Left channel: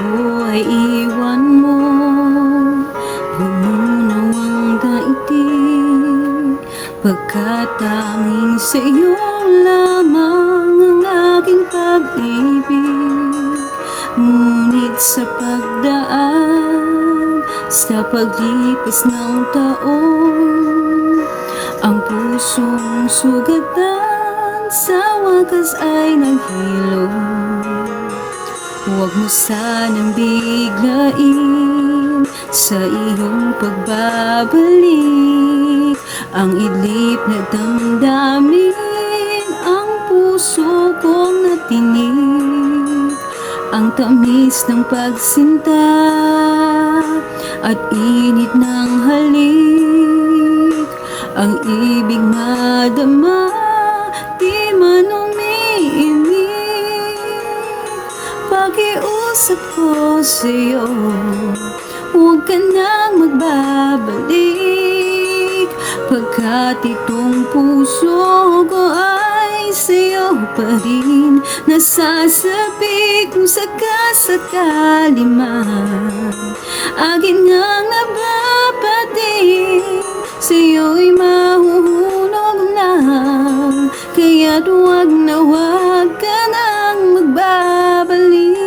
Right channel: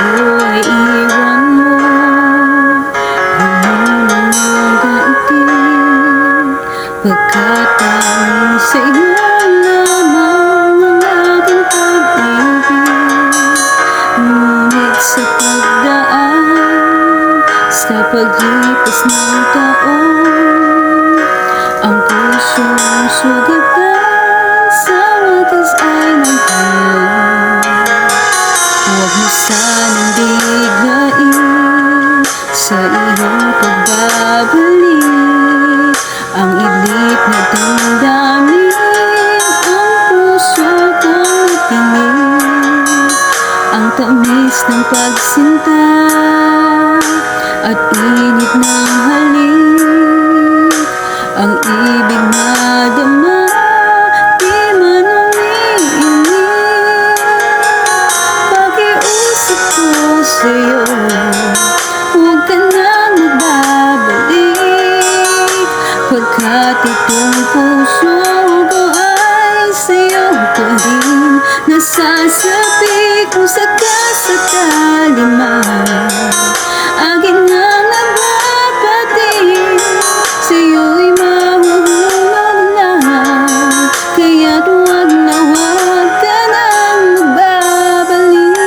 ako'y iwan mo, lumulong ang daigdig, pagkat tanging sa'yo lamang ang aking pag-ibig. Ngunit sa pagdaan, sa paglipas ng taon, ang pusong sugatan sa wakas ay naghulog. Huwag mo sanang biglain sa iyong pagbabalik ang idlip na damdamin, ang puso kong natinig, ang tamis ng pagsinta at init ng halik, ang ibig na dama di man umiinit. Pakiusap ko sa'yo, huwag ka nang magbabalik, pagkat itong puso ko ay sa'yo pa rin nasasabi. Kung sakasakali man akin ngang nababati, sa'yo'y mahuhulog na, kaya't huwag na huwag ka nang magbabalik.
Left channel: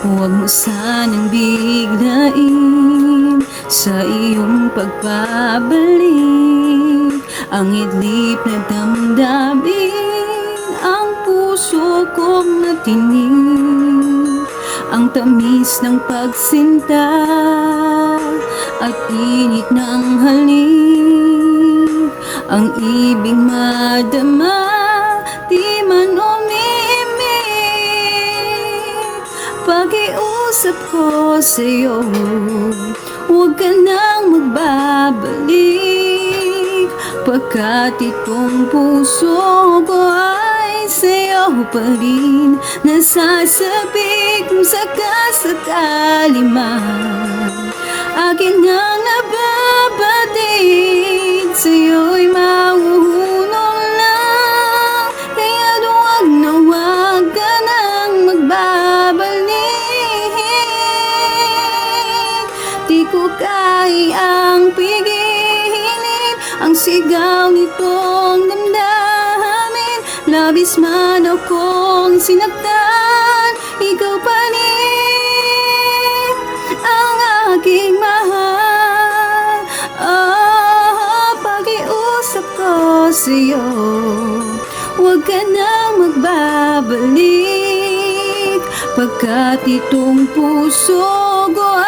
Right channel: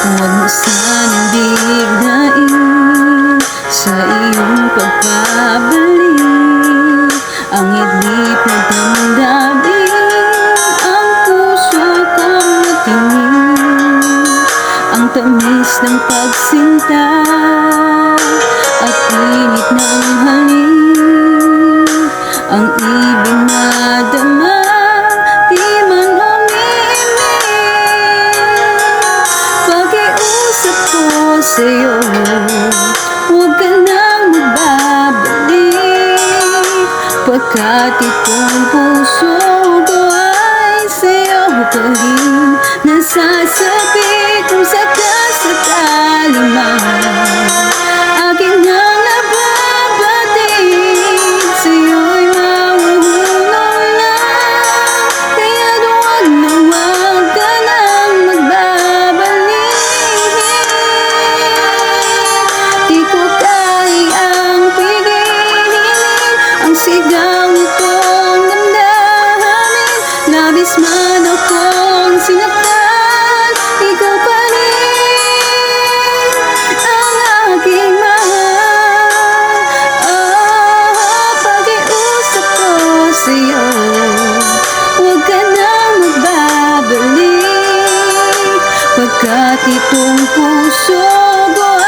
Huwag mo sanang biglain sa iyong pagbabalik ang idlip na damdamin, ang puso kong natinig, ang tamis ng pagsinta at init ng halik, ang ibig na dama di man umiimik. Pakiusap ko sa'yo, huwag ka nang magbabalik, pagkat itong puso ko ay sa'yo pa rin nasasabi. Kung sakasakali man akin ngang nababatid, sa'yo'y mahuhulog na, kaya't huwag na huwag ka nang magbabalik. Di ko kayang pigilin ang sigaw nitong damdamin, labis man akong sinaktan, ikaw pa rin ang aking mahal. Pakiusap ko sa'yo, huwag ka nang magbabalik, pagkat itong puso ko